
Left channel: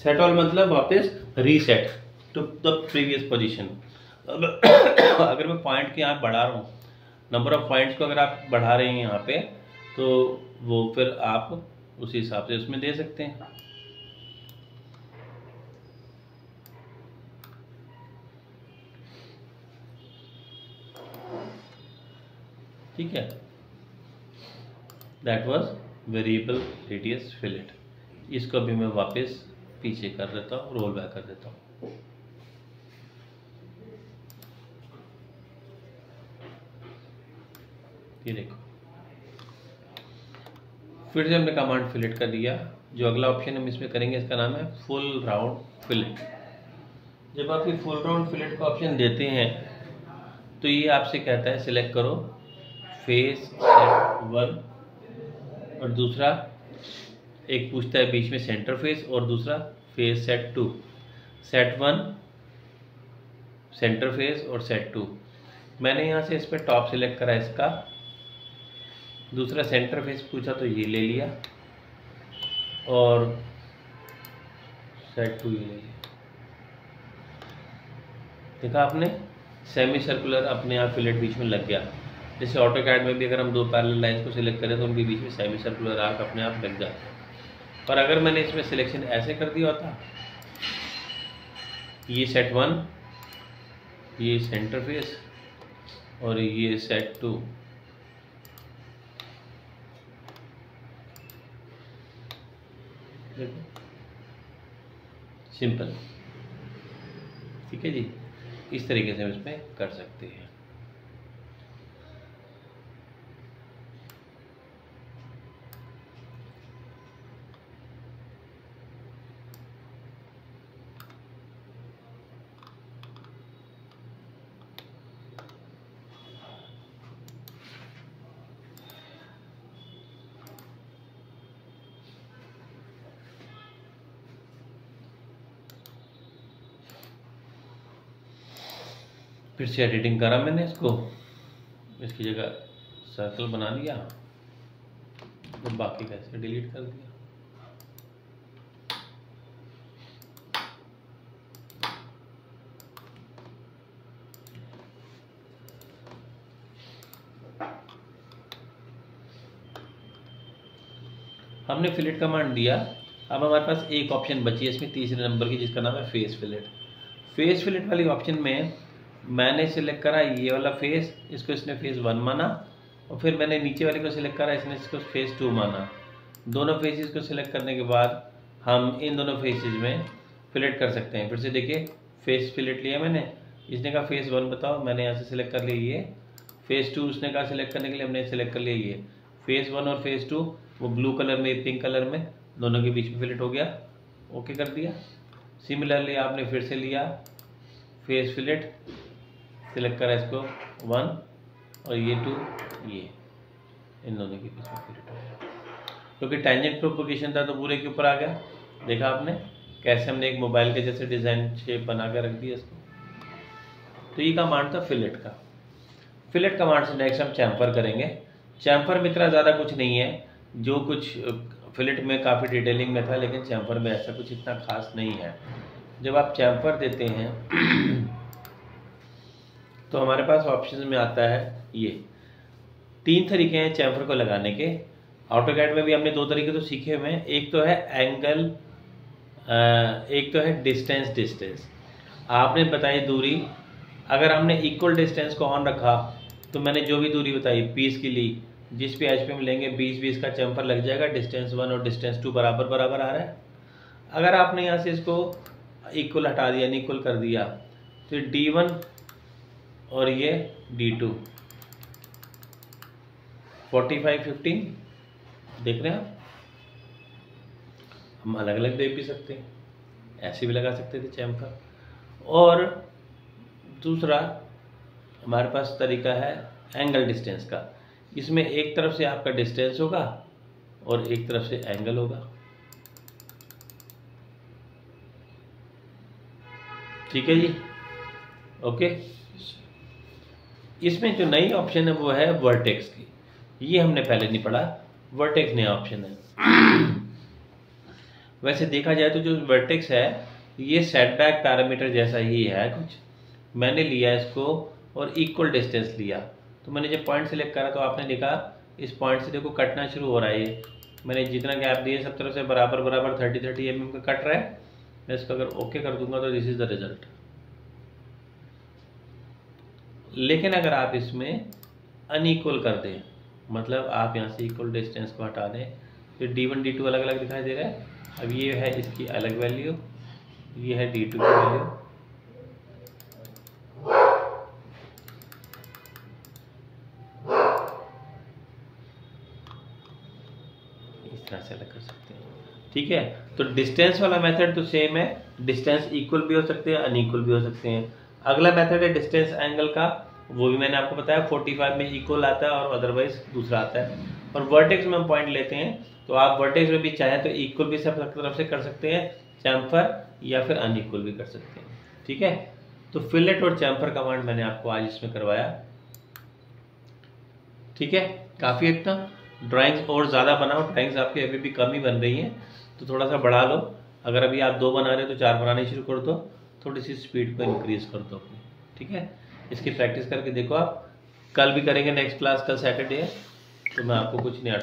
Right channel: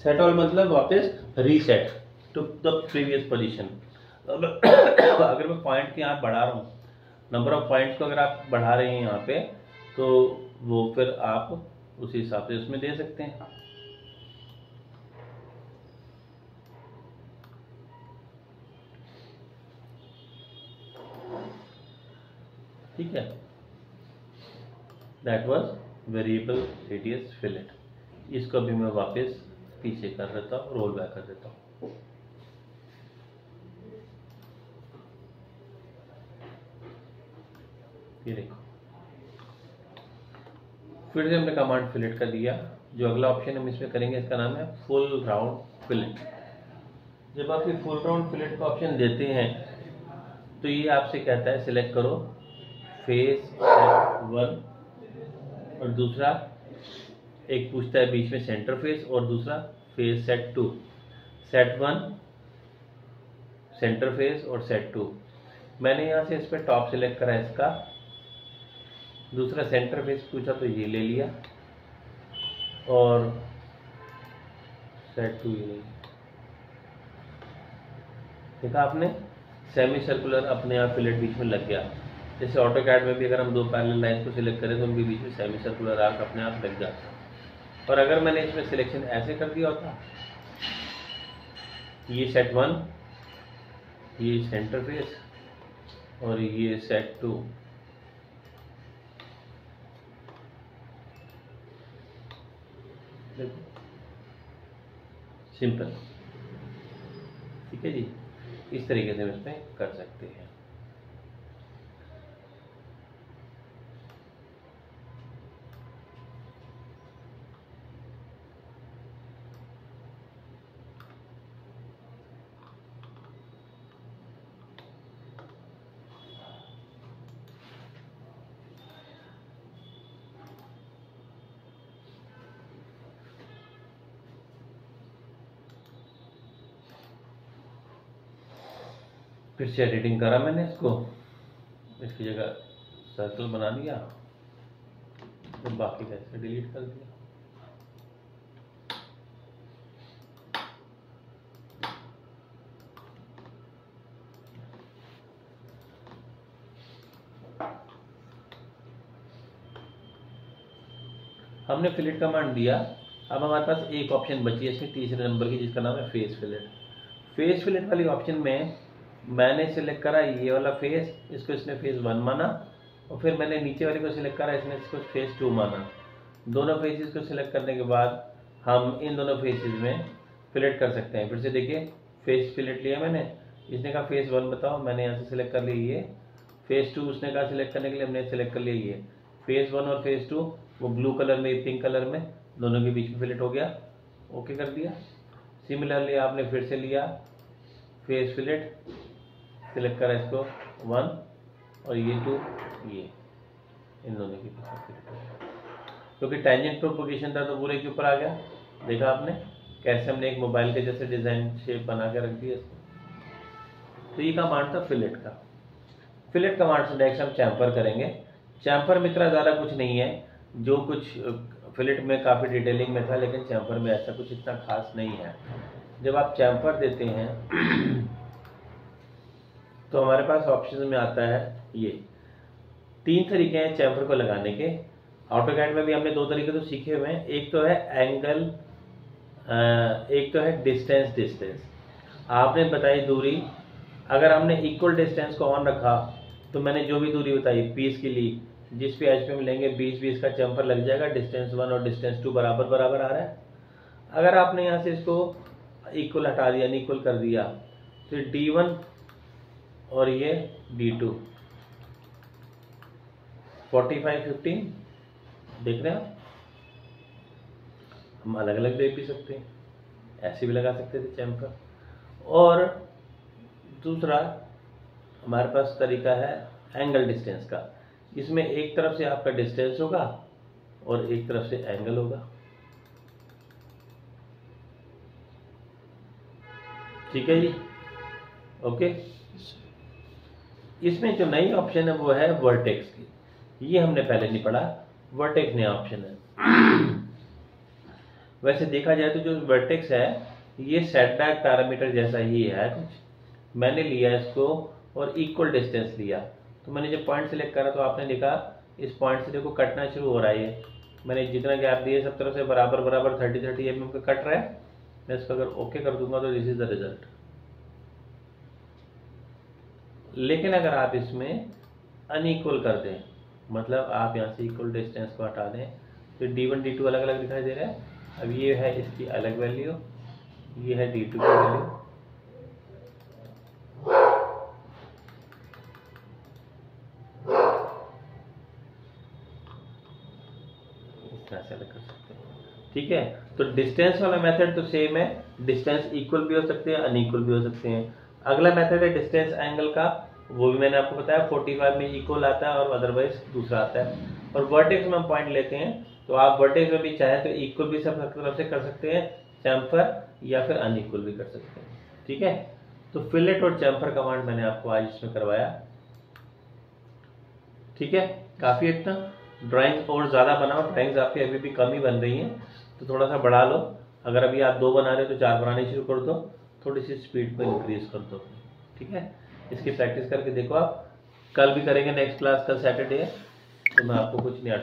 सेट ऑल मतलब वापस reset to the previous position. अगर मैं पॉइंट के यहाँ बढ़ा रहा हूँ, नंबर ऑफ पॉइंट्स को अगर आप बढ़ा रहे हैं यहाँ पे, तो वो फिर आप उसी हिसाब से उसमें दे सकते हैं। ठीक है, that was variable radius fillet. इसको भी मैं वापस पीछे कर देता हूँ, रोल बैक कर देता हूँ। ये देखो, फिर से हमने कमांड फिलेट कर दिया। जो अगला ऑप्शन हम इसमें करेंगे इसका नाम है फुल राउंड फिलेट। जब आप ये फुल राउंड फिलेट का ऑप्शन देते हैं तो ये आपसे कहता है सिलेक्ट करो फेस सेट 1, और दूसरा एक पूछता है बीच में सेंटर फेस, और दूसरा face set 2। Set 1 centre face और सेट 2। मैंने यहाँ से इस पर टॉप सिलेक्ट करा इसका, दूसरा सेंटर फेस पूछा तो ये ले लिया, और सेट 2 ये ले लिया। देखा आपने, सेमी सर्कुलर अपने आप फिलेट बीच में लग गया। जैसे ऑटोकैड में भी अगर हम दो पैरेलल लाइंस को सिलेक्ट करें तो उनके बीच में सेमी सर्कुलर आर्क अपने आप लग जाता है। और अगर मैंने इसमें सिलेक्शन ऐसे कर दिया होता, ये सेट 1, ये सेंटर फेस और ये सेट 2, सिंपल। ठीक है जी, इस तरीके से हम इसमें कर सकते हैं। फिर से एडिटिंग करा मैंने इसको, इसकी जगह सर्कल बना दिया और बाकी का ऐसे डिलीट कर दिया। हमने फिलेट कमांड दिया। अब हमारे पास एक ऑप्शन बची है इसमें तीसरे नंबर की, जिसका नाम है फेस फिलेट। फेस फिलेट वाली ऑप्शन में मैंने सिलेक्ट करा ये वाला फेस, इसको इसने फेस 1 माना, और फिर मैंने नीचे वाले को सिलेक्ट करा, इसने इसको फेस 2 माना। दोनों फेसेस को सिलेक्ट करने के बाद हम इन दोनों फेसेस में फिलेट कर सकते हैं। फिर से देखिए, फेस फिलेट लिया मैंने, इसने कहा फेस 1 बताओ, मैंने यहाँ से सिलेक्ट कर लिया ये। फेस 2 उसने कहा सिलेक्ट करने के लिए, हमने सिलेक्ट कर लिया ये। फेस 1 और फेस 2 वो ब्लू कलर में, पिंक कलर में, दोनों के बीच में फिलेट हो गया। ओके कर दिया। सिमिलरली आपने फिर से लिया फेस फिलेट, सिलेक्ट करा इसको 1 और ये 2, ये इन दोनों के बीच में फिलेट हो गया। क्योंकि टेंजेंट प्रोपोगेशन था तो पूरे के ऊपर आ गया। देखा आपने कैसे हमने एक मोबाइल के जैसे डिज़ाइन शेप बना कर रख दिया इसको। तो ये कमांड था फिलेट का। फिलेट कमांड से नेक्स्ट हम चैम्फर करेंगे। चैम्फर में इतना ज़्यादा कुछ नहीं है, जो कुछ फिलेट में काफ़ी डिटेलिंग में था, लेकिन चैम्फर में ऐसा कुछ इतना खास नहीं है। जब आप चैम्फर देते हैं तो हमारे पास ऑप्शन में आता है ये 3 तरीके हैं चैम्फर को लगाने के। ऑटोकैड में भी हमने 2 तरीके तो सीखे हुए हैं। एक तो है एंगल, एक तो है डिस्टेंस। आपने बताई दूरी, अगर हमने इक्वल डिस्टेंस को ऑन रखा तो मैंने जो भी दूरी बताई 20 के लिए, जिस भी एच पे हम लेंगे 20 का चैम्फर लग जाएगा। डिस्टेंस 1 और डिस्टेंस 2 बराबर आ रहा है। अगर आपने यहाँ से इसको इक्वल हटा दिया, अनइक्वल कर दिया, तो D1 और ये D2 45-15 देख रहे हैं। हम अलग अलग दे भी सकते हैं, ऐसे भी लगा सकते थे चैम्फर। और दूसरा हमारे पास तरीका है एंगल डिस्टेंस का। इसमें एक तरफ से आपका डिस्टेंस होगा और एक तरफ से एंगल होगा, ठीक है जी, ओके। इसमें जो नई ऑप्शन है वो है वर्टेक्स की, ये हमने पहले नहीं पढ़ा, वर्टेक्स नया ऑप्शन है। वैसे देखा जाए तो जो वर्टेक्स है ये सेटबैक पैरामीटर जैसा ही है कुछ, मैंने लिया इसको और इक्वल डिस्टेंस लिया। तो मैंने जब पॉइंट सेलेक्ट करा तो आपने देखा इस पॉइंट से देखो कटना शुरू हो रहा है, ये मैंने जितना गैप दिए सब तरफ से बराबर बराबर 30-30 mm का कट रहा है। मैं इसको अगर ओके कर दूंगा तो दिस इज द रिजल्ट। लेकिन अगर आप इसमें अनइक्वल कर दें, मतलब आप यहाँ से इक्वल डिस्टेंस को हटा दें, तो D1 D2 अलग अलग दिखाई दे रहा है। अब ये है इसकी अलग वैल्यू, ये है D2 की वैल्यू, इस तरह से अलग कर सकते हैं, ठीक है। तो डिस्टेंस वाला मेथड तो सेम है, डिस्टेंस इक्वल भी हो सकते हैं अनइक्वल भी हो सकते हैं। अगला मेथड है डिस्टेंस एंगल का, वो भी मैंने आपको बताया 45 में इक्वल आता है और अदरवाइज दूसरा आता है। और वर्टेक्स में हम पॉइंट लेते हैं तो आप वर्टेक्स में भी चाहें तो इक्वल भी सब तरफ से कर सकते हैं चैम्फर, या फिर अनइक्वल भी कर सकते हैं, ठीक है। तो फिलेट और चैम्फर कमांड मैंने आपको आज इसमें करवाया, ठीक है। काफ़ी इतना ड्राइंग्स और ज़्यादा बनाओ, ड्राइंग्स आपकी अभी भी कम ही बन रही हैं तो थोड़ा सा बढ़ा लो। अगर अभी आप 2 बना रहे हो तो 4 बनाने शुरू कर दो, थोड़ी सी स्पीड को इंक्रीज कर दो, ठीक है। इसकी प्रैक्टिस करके देखो आप, कल भी करेंगे नेक्स्ट क्लास, कल सैटरडे है तो मैं आपको कुछ नया